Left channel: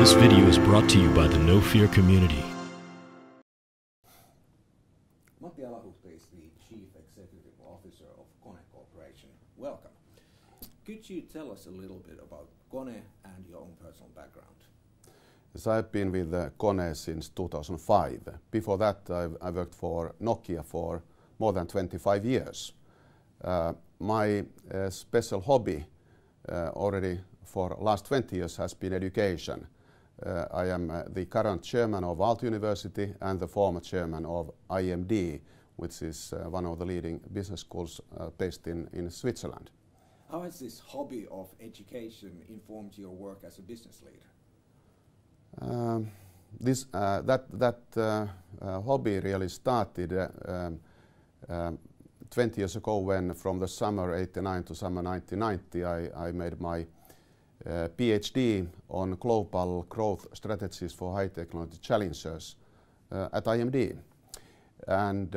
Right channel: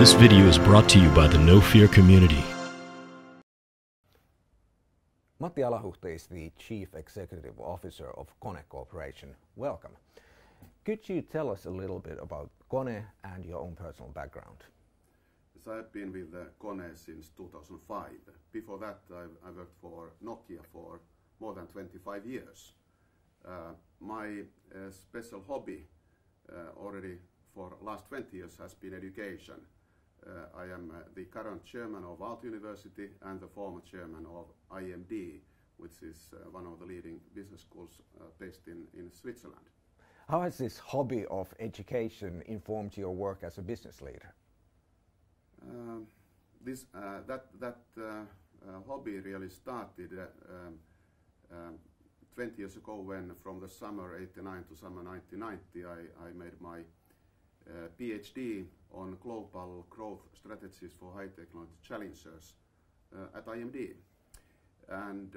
This video is brought to you by the No Fear community. Matti Alahuhta is the Chief Executive Officer of Kone Corporation. Welcome. Could you tell us a little bit about Kone and your own personal background? Yes, I've been with Kone since 2005. Before that, I worked for Nokia for more than 25 years. My special hobby already for last 20 years has been education. I am the current chairman of Aalto University and the former chairman of IMD, which is one of the leading business schools based in Switzerland. How has this hobby of education informed your work as a business leader? That hobby really started 20 years ago when, from the summer '89 to summer 1990, I made my PhD on global growth strategies for high technology challengers at IMD. And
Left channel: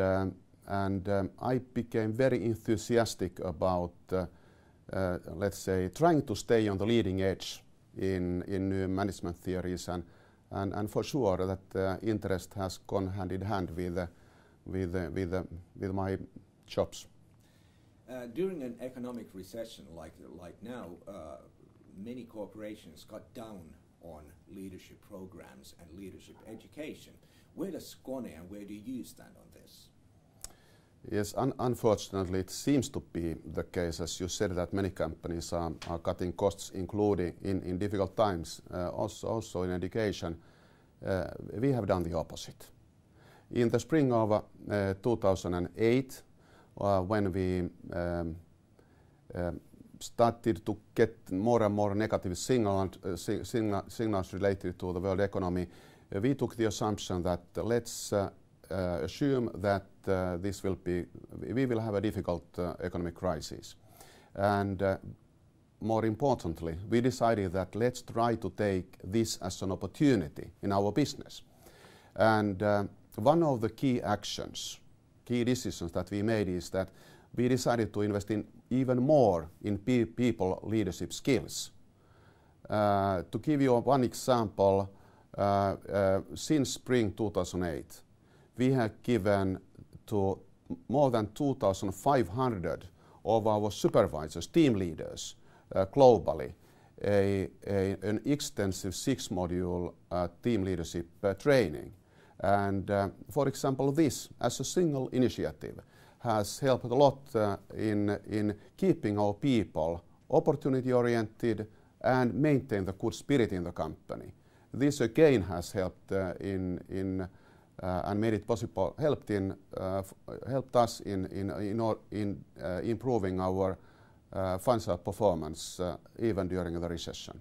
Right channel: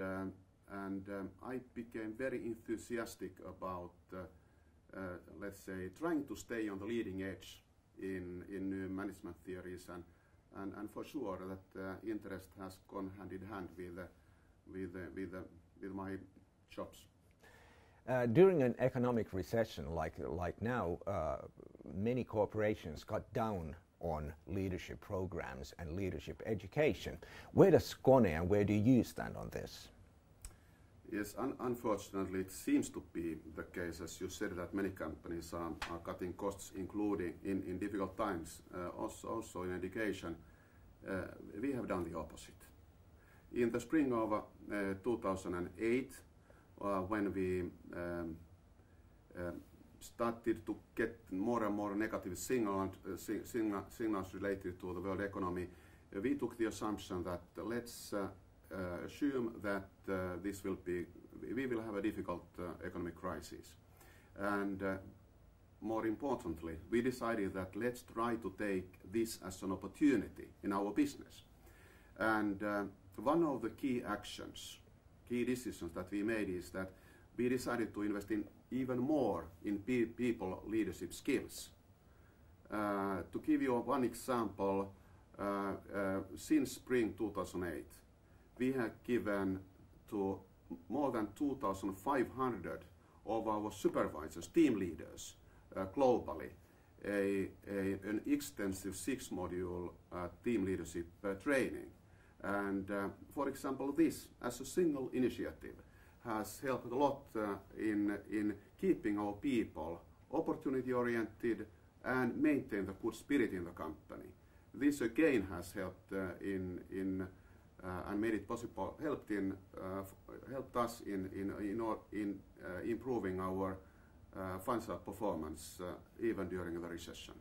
I became very enthusiastic about, let's say, trying to stay on the leading edge in new management theories, and for sure that interest has gone hand in hand with my jobs. During an economic recession like now, many corporations cut down on leadership programs and leadership education. Where does Kone and where do you stand on this? Yes, unfortunately it seems to be the case, as you said, that many companies are cutting costs, including in difficult times, also in education. We have done the opposite. In the spring of 2008, when we started to get more and more negative signals related to the world economy, we took the assumption that let's assume that we will have a difficult economic crisis. And more importantly, we decided that let's try to take this as an opportunity in our business. And one of the key decisions that we made is that we decided to invest in even more in people leadership skills. To give you one example, since spring 2008, we have given to more than 2,500 of our supervisors, team leaders globally, an extensive 6-module team leadership training. And for example, this as a single initiative has helped a lot in keeping our people opportunity-oriented and maintain the good spirit in the company. This again has helped and made it possible, helped us in improving our financial performance even during the recession.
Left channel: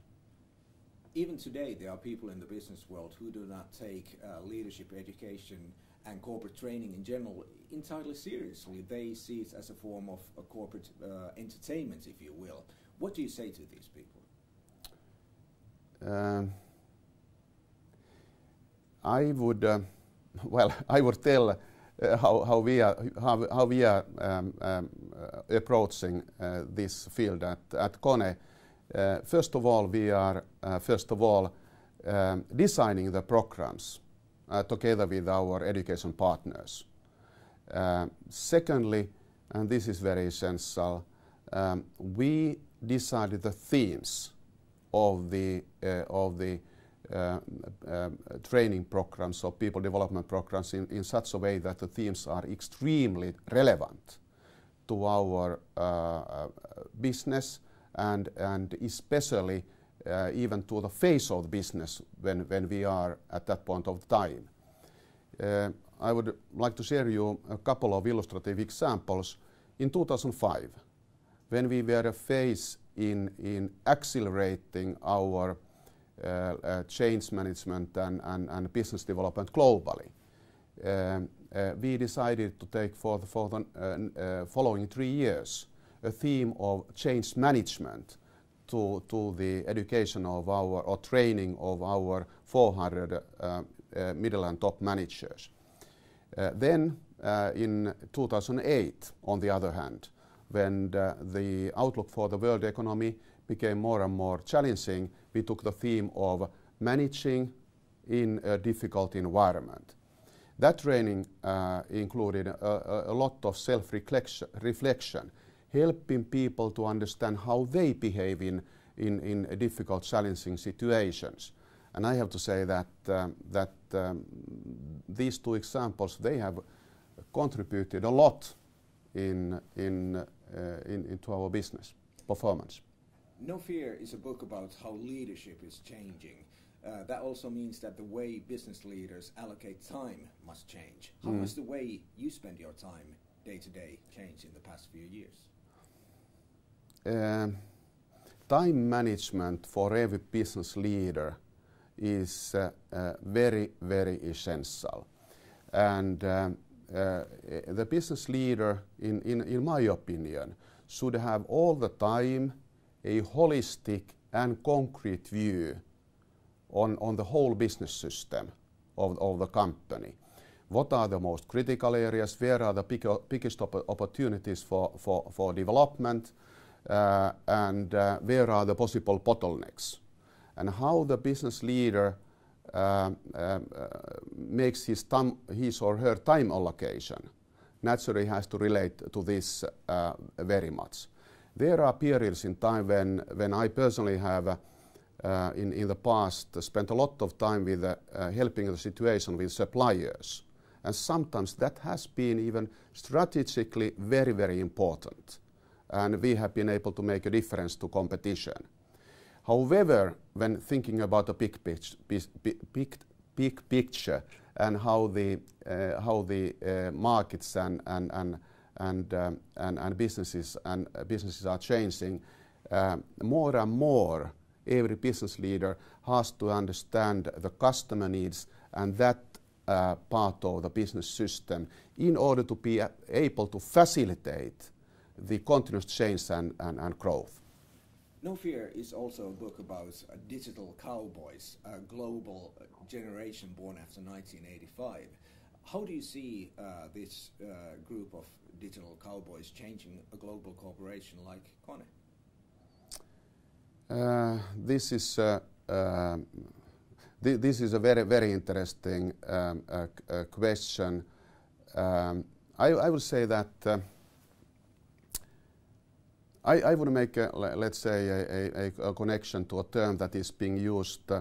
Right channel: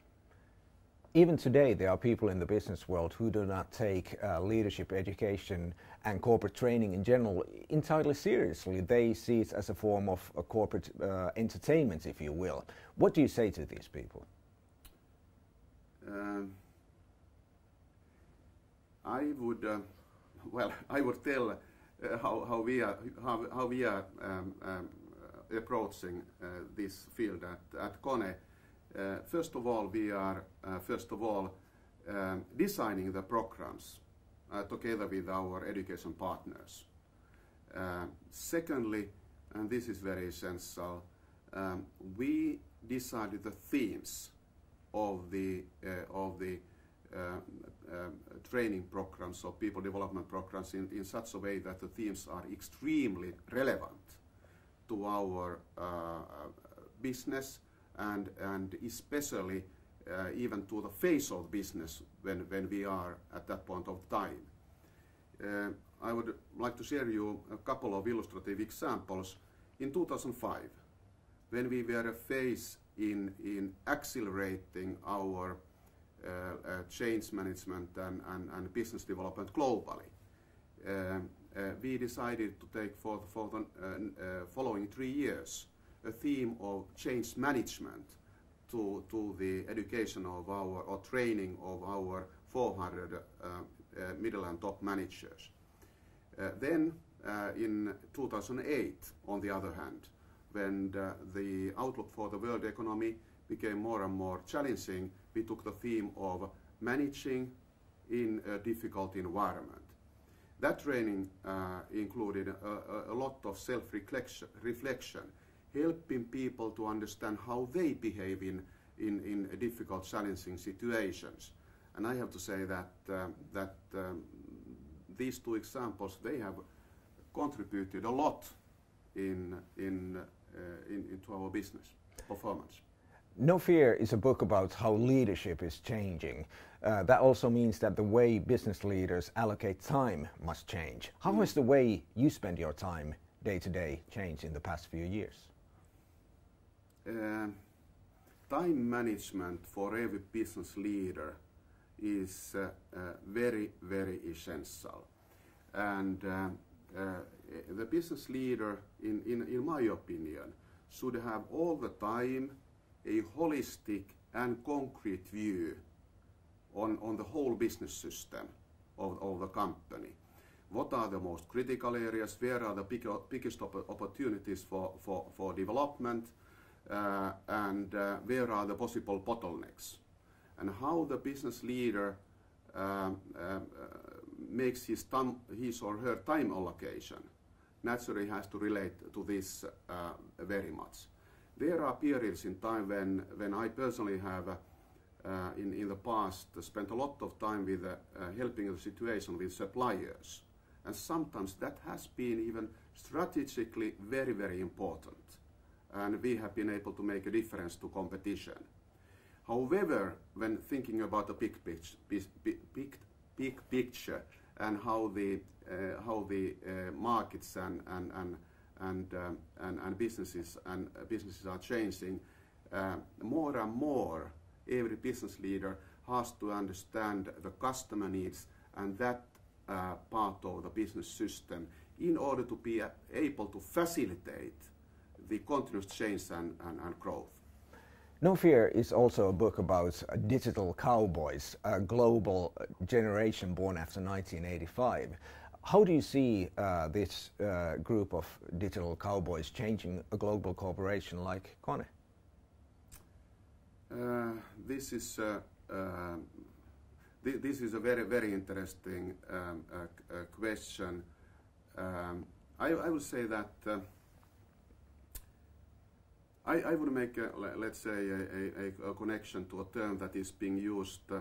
Even today, there are people in the business world who do not take leadership education and corporate training in general entirely seriously. They see it as a form of a corporate entertainment, if you will. What do you say to these people? I would tell how we are approaching this field at Kone. First of all, we are designing the programs together with our education partners. Secondly, and this is very essential, we decided the themes of the training programs or people development programs in such a way that the themes are extremely relevant to our business and especially even to the face of business when we are at that point of time. I would like to share you a couple of illustrative examples. In 2005, when we were faced in accelerating our change management and business development globally, we decided to take for the following 3 years a theme of change management to the education of or training of our 400 middle and top managers. Then in 2008, on the other hand, when the outlook for the world economy became more and more challenging, we took the theme of managing in a difficult environment. That training included a lot of self-reflection, helping people to understand how they behave in difficult, challenging situations. And I have to say that these two examples, they have contributed a lot into our business performance. No Fear is a book about how leadership is changing. That also means that the way business leaders allocate time must change. How has the way you spend your time day to day changed in the past few years? Time management for every business leader is very, very essential. And the business leader, in my opinion, should have all the time a holistic and concrete view on the whole business system of the company. What are the most critical areas? Where are the biggest opportunities for development? And where are the possible bottlenecks? And how the business leader makes his or her time allocation naturally has to relate to this very much. There are periods in time when I personally have in the past spent a lot of time with helping the situation with suppliers, and sometimes that has been even strategically very, very important, and we have been able to make a difference to competition. However, when thinking about the big picture and how the markets and businesses are changing, more and more every business leader has to understand the customer needs and that part of the business system in order to be able to facilitate the continuous change and growth. No Fear is also a book about digital cowboys, a global generation born after 1985. How do you see this group of digital cowboys changing a global corporation like Kone? This is a very, very interesting question. I would say that I would make, let's say, a connection to a term that is being used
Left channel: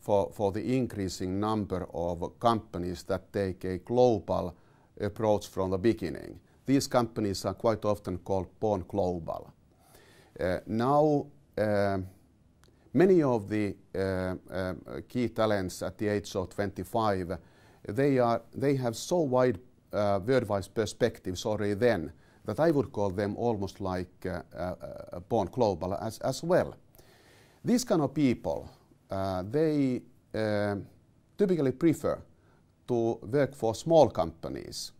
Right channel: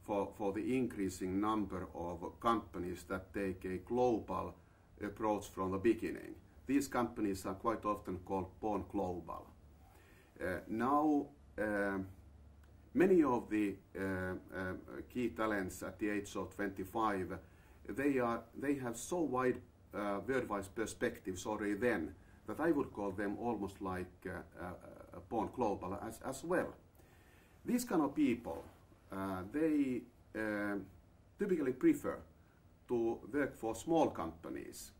for the increasing number of companies that take a global approach from the beginning. These companies are quite often called born global. Now, many of the key talents at the age of 25, they have so wide worldwide perspectives already then that I would call them almost like born global as well. These kind of people, they typically prefer to work for small companies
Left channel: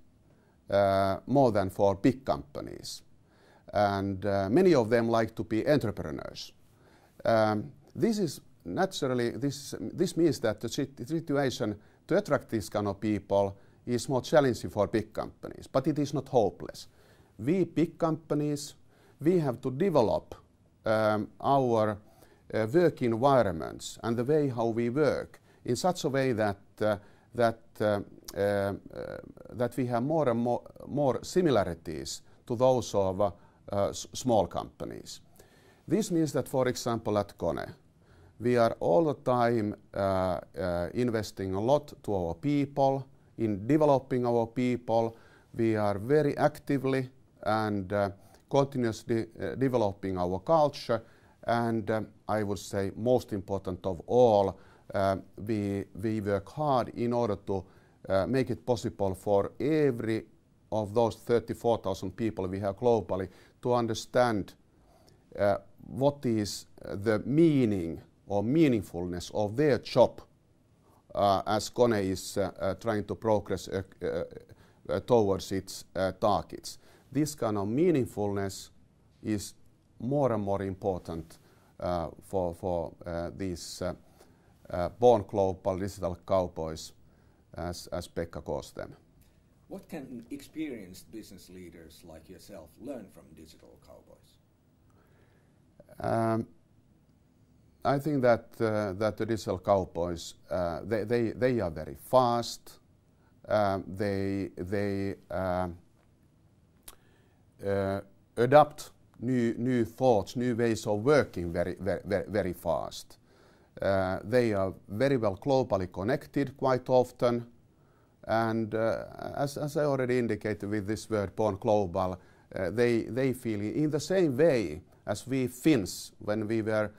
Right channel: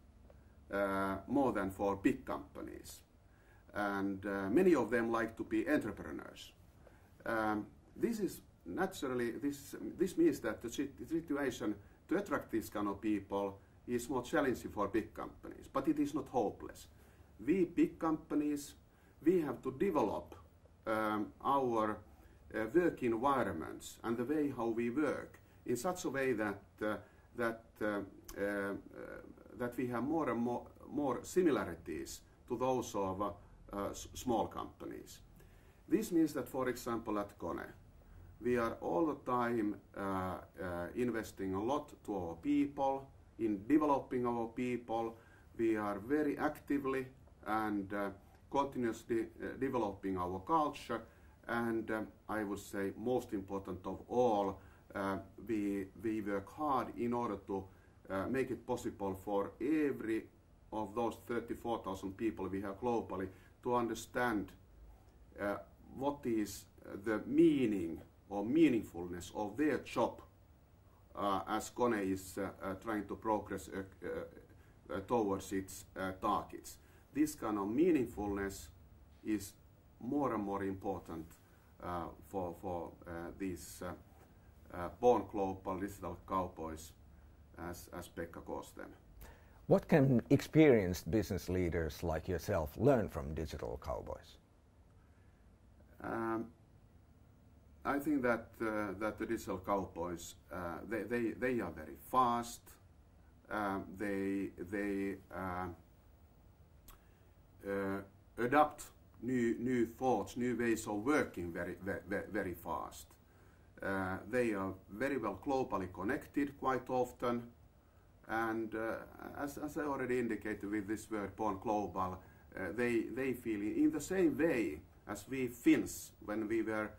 more than for big companies. And many of them like to be entrepreneurs. This is naturally, this means that the situation to attract these kind of people is more challenging for big companies, but it is not hopeless. We big companies, we have to develop our work environments and the way how we work in such a way that we have more and more similarities to those of small companies. This means that, for example, at Kone, we are all the time investing a lot to our people, in developing our people. We are very actively and continuously developing our culture, and I would say most important of all, we work hard in order to make it possible for every of those 34,000 people we have globally to understand what is the meaning or meaningfulness of their job as Kone is trying to progress towards its targets. This kind of meaningfulness is more and more important for these born global digital cowboys, as Pekka calls them. What can experienced business leaders like yourself learn from digital cowboys? I think that that the digital Cowboys they are very fast. They adopt new thoughts, new ways of working very fast. They are very well globally connected quite often, and as I already indicated with this word born global, they feel in the same way as we Finns when we were,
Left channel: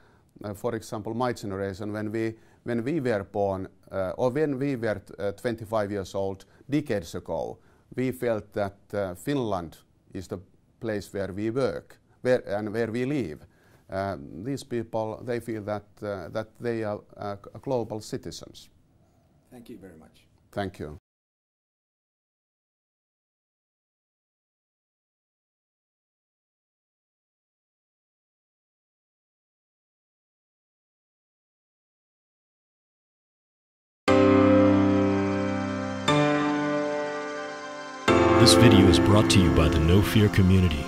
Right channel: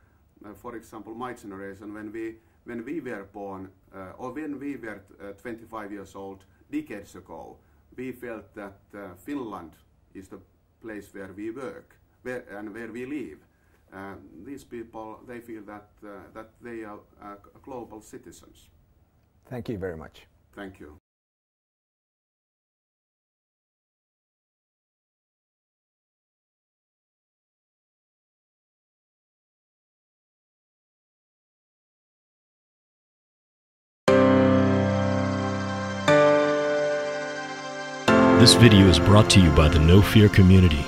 for example, my generation, when we were born or when we were 25 years old decades ago, we felt that Finland is the place where we work, where we live. These people, they feel that that they are global citizens. Thank you very much. Thank you. This video is brought to you by the No Fear community.